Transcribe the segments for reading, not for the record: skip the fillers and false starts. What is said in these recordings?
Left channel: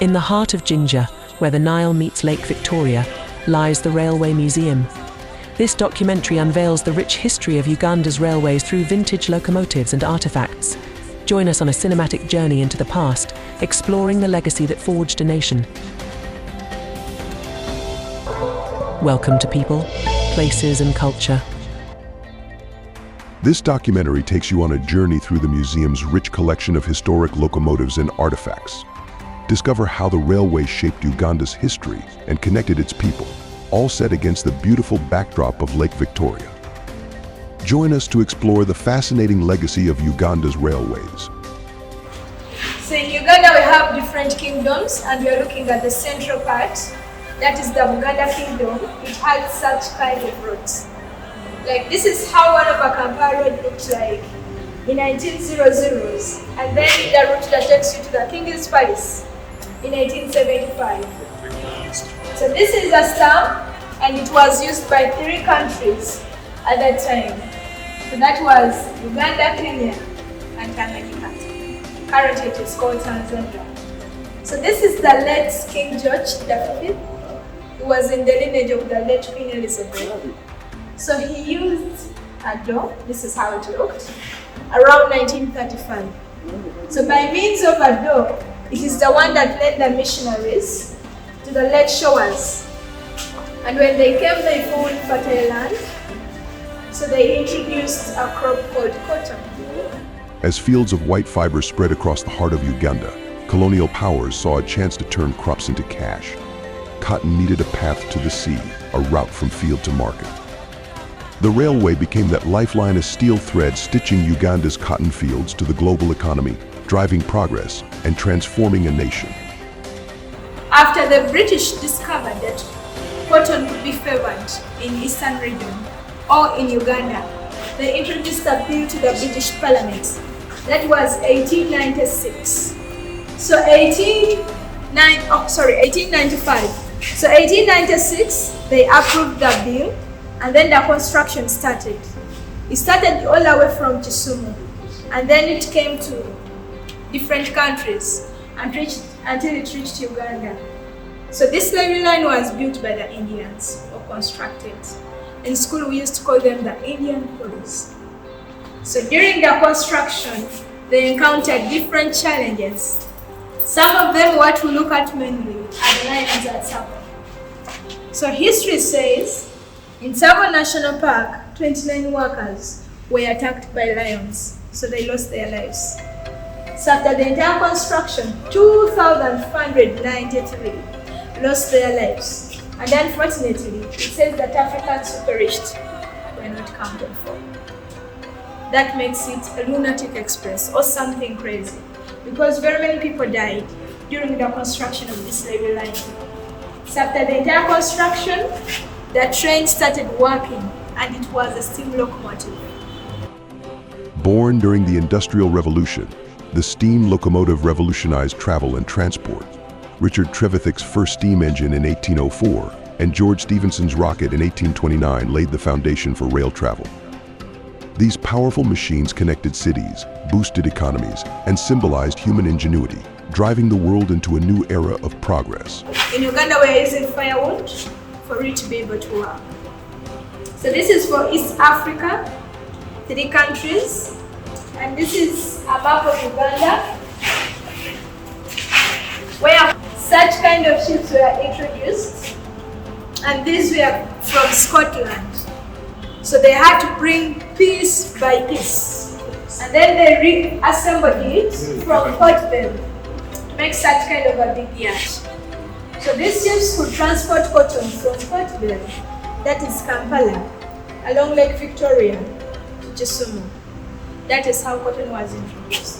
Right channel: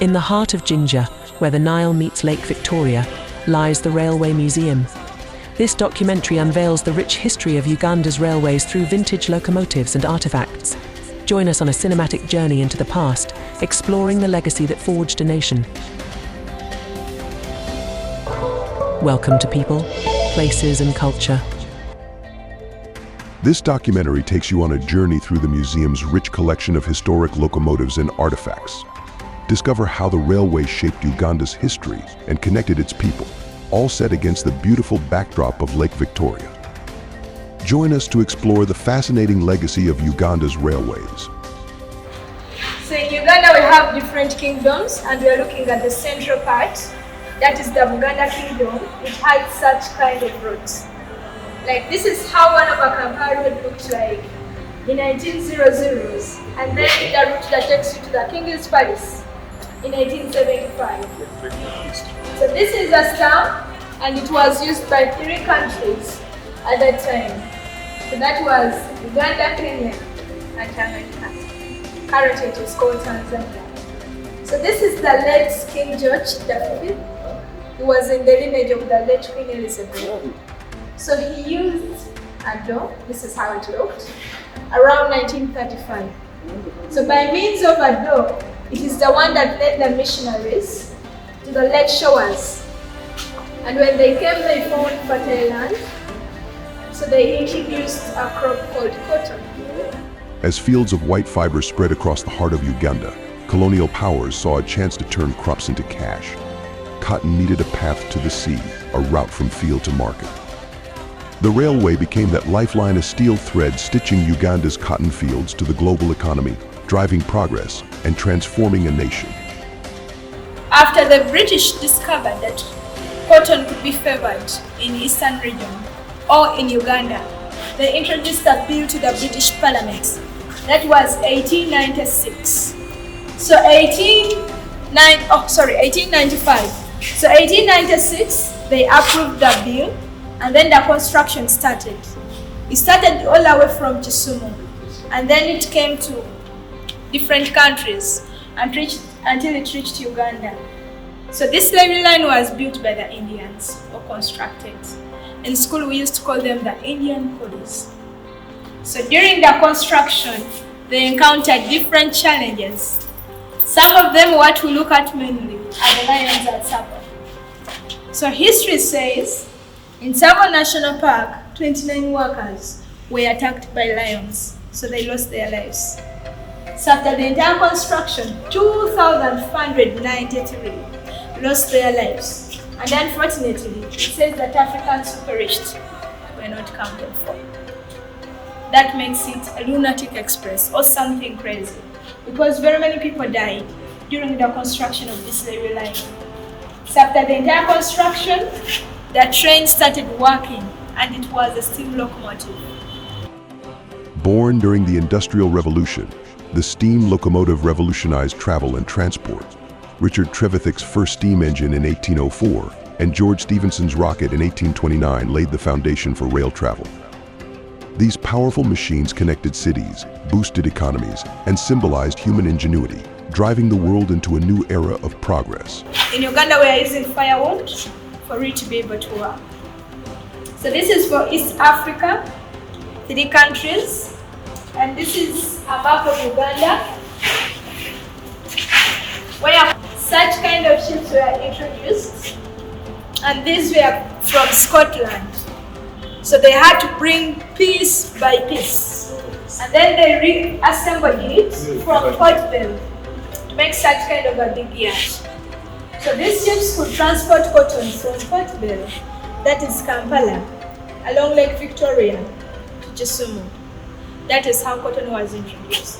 In the heart of Jinja, where the Nile meets Lake Victoria, lies the Railway Museum. This documentary unveils the rich history of Uganda's railways through vintage locomotives and artifacts. Join us on a cinematic journey into the past, exploring the legacy that forged a nation. Welcome to people, places, and culture. This documentary takes you on a journey through the museum's rich collection of historic locomotives and artifacts. Discover how the railway shaped Uganda's history and connected its people, all set against the beautiful backdrop of Lake Victoria. Join us to explore the fascinating legacy of Uganda's railways. So in Uganda we have different kingdoms, and we are looking at the central part, that is the Uganda kingdom. It had such kind of routes. Like this is how one of a Kampala road looked like in 1900s, and then the route that takes you to the King's Palace in 1875. So this is a stamp, and it was used by 3 countries at that time. So that was Uganda, Kenya, and Tanganyika. Currently it is called Tanzania. So this is the late King George V. He was in the lineage of the late Queen Elizabeth. So he used a door, this is how it looked, around 1935. So by means of a door, it is the one that led the missionaries to the lake shores. And when they came, they found fertile land. So they introduced a crop called cotton. As fields of white fiber spread across the heart of Uganda, colonial powers saw a chance to turn crops into cash. Cotton needed a path to the sea, a route from field to market. The railway became that lifeline, a steel thread stitching Uganda's cotton fields to the global economy, driving progress and transforming a nation. After the British discovered that cotton could be favored in eastern region or in Uganda, they introduced a bill to the British Parliament. That was 1896. So 1895. So 1896, they approved the bill, and then the construction started. It started all the way from Kisumu, and then it came to different countries until it reached Uganda. So this railway line was built by the Indians, or constructed. In school we used to call them the Indian police. So during the construction, they encountered different challenges. Some of them, what we look at mainly, are the lions at Tsavo. So history says, in Tsavo National Park, 29 workers were attacked by lions, so they lost their lives. So after the entire construction, 2,593 lost their lives. And unfortunately, it says that African superists were not counted for. That makes it a lunatic express or something crazy, because very many people died during the construction of this railway line. So after the entire construction, the train started working, and it was a steam locomotive. Born during the Industrial Revolution, the steam locomotive revolutionized travel and transport. Richard Trevithick's first steam engine in 1804 and George Stephenson's rocket in 1829 laid the foundation for rail travel. These powerful machines connected cities, boosted economies, and symbolized human ingenuity, driving the world into a new era of progress. In Uganda, we are using firewood for it to be able to work. So this is for East Africa, 3 countries, and this is a map of Uganda, where such kind of ships were introduced, and these were from Scotland. So they had to bring piece by piece, and then they reassembled it from Port Bell to make such kind of a big yacht. So these ships could transport cotton from Port Bell, that is Kampala, along Lake Victoria to Kisumu. That is how cotton was introduced.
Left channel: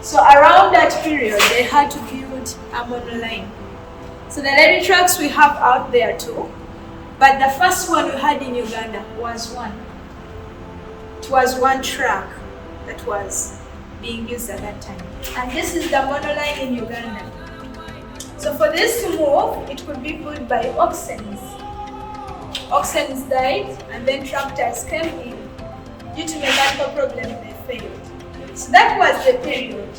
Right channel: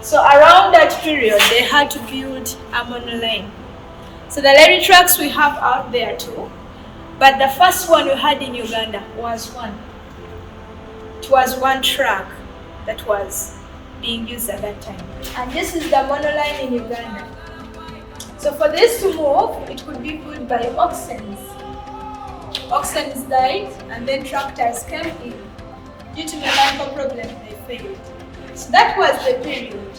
So around that period, they had to build a monoline. So the railway tracks we have out there too, but the first one we had in Uganda was one. It was one track that was being used at that time. And this is the monoline in Uganda. So for this to move, it could be pulled by oxen. Oxen died, and then tractors came in. Due to mechanical problems, they failed. So that was the period.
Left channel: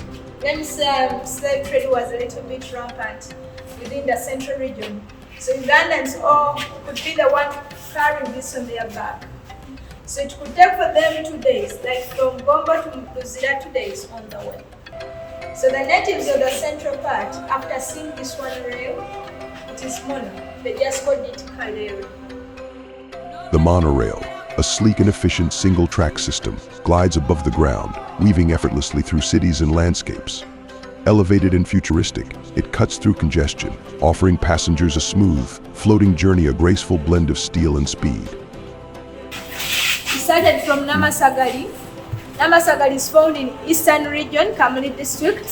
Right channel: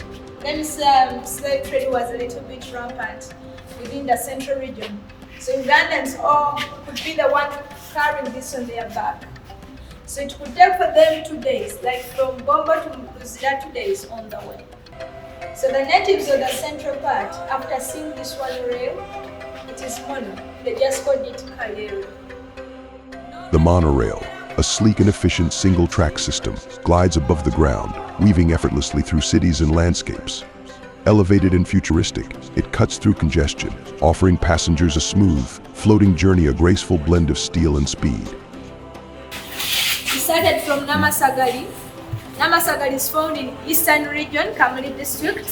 slave trade was a little bit rampant within the central region. So Ugandans all could be the one carrying this on their back. So it could take for them 2 days, like from Bomba to Muzira, 2 days on the way. So the natives of the central part, after seeing this one rail, it is mono, they just called it Kalere. The monorail, a sleek and efficient single-track system, glides above the ground, weaving effortlessly through cities and landscapes. Elevated and futuristic, it cuts through congestion, offering passengers a smooth, floating journey, a graceful blend of steel and speed. We started from Namasagali. Namasagali is found in Eastern Region, Kamuli District,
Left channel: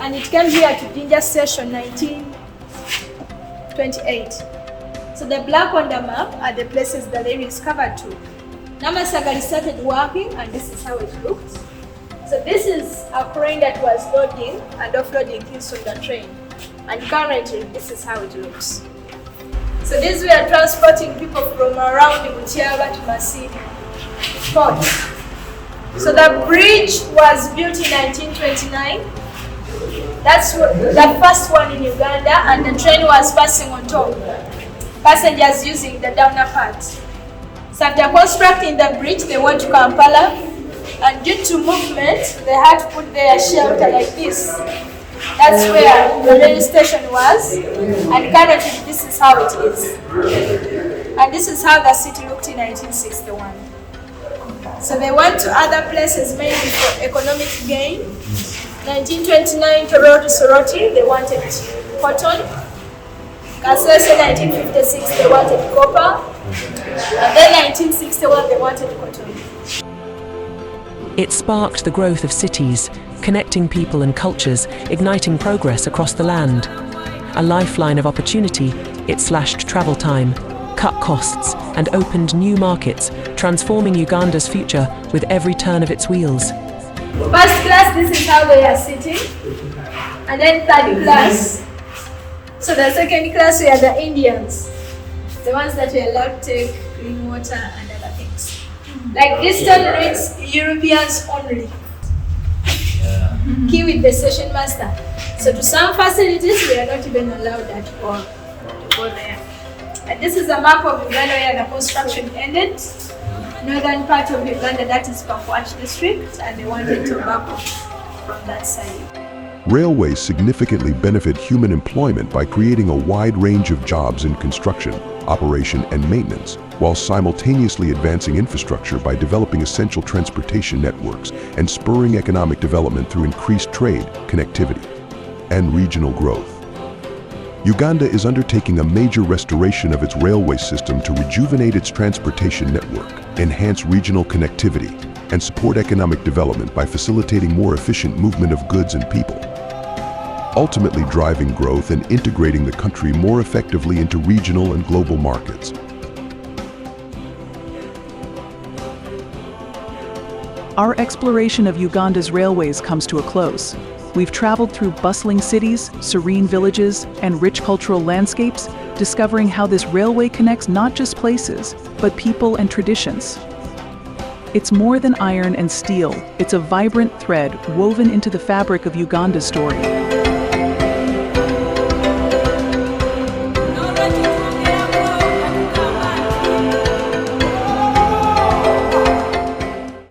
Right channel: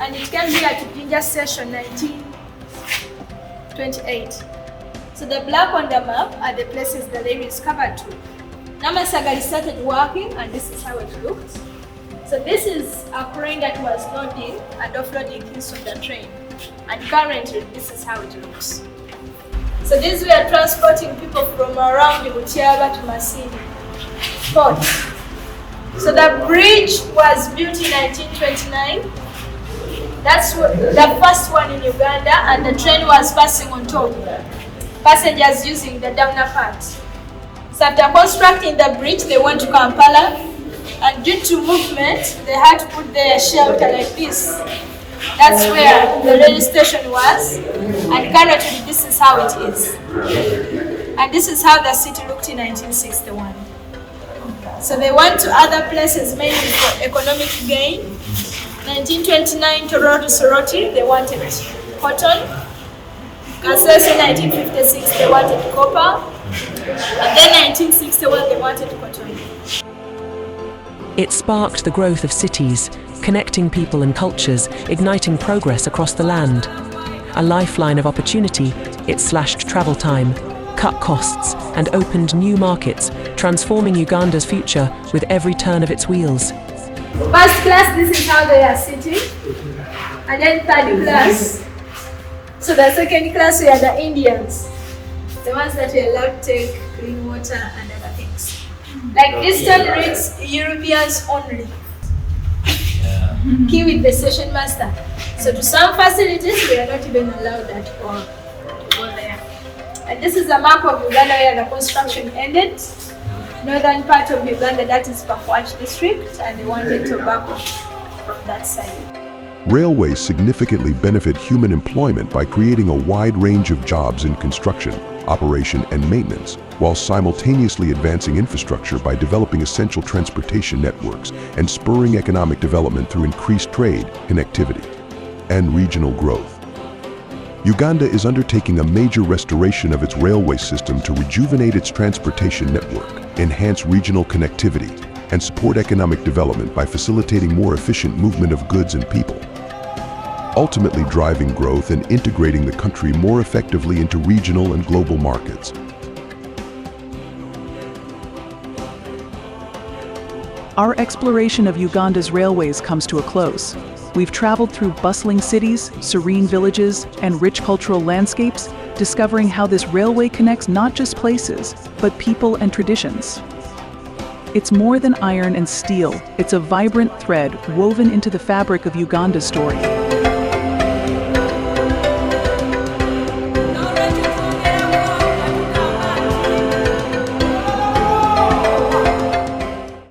and it came here to Jinja Station 1928. So the black on the map are the places the rail is covered to. Namasagali started working, and this is how it looked. So this is a crane that was loading and offloading things from the train. And currently, this is how it looks. So these were transporting people from around Mutiaba to Masini port. So the bridge was built in 1929. That's the first one in Uganda, and the train was passing on top. Passengers using the downer part. So after constructing the bridge, they went to Kampala, and due to movement, they had to put their shelter like this. That's where the rail station was, and currently this is how it is. And this is how the city looked in 1961. So they went to other places mainly for economic gain. 1929, Tororo to Soroti, they wanted cotton. Kasese 1956, they wanted copper. And then 1961, they wanted cotton. It sparked the growth of cities, connecting people and cultures, igniting progress across the land. A lifeline of opportunity, it slashed travel time, cut costs, and opened new markets, transforming Uganda's future with every turn of its wheels. First class, this is how they are sitting. And then third class. So the second class, we are the Indians. The ones that we allowed to take clean water and other things. Like this one reads Europeans only. Key with the station master. So to some facilities, we are not even allowed at all to go there. And this is a map of Uganda where the construction ended. Northern part of Uganda, that is Pakwach district, and they wanted tobacco from that side. Railways significantly benefit human employment by creating a wide range of jobs in construction, operation, and maintenance, while simultaneously advancing infrastructure by developing essential transportation networks and spurring economic development through increased trade, connectivity, and regional growth. Uganda is undertaking a major restoration of its railway system to rejuvenate its transportation network, enhance regional connectivity, and support economic development by facilitating more efficient movement of goods and people, ultimately driving growth and integrating the country more effectively into regional and global markets. Our exploration of Uganda's railways comes to a close. We've traveled through bustling cities, serene villages, and rich cultural landscapes, discovering how this railway connects not just places, but people and traditions. It's more than iron and steel. It's a vibrant thread woven into the fabric of Uganda's story.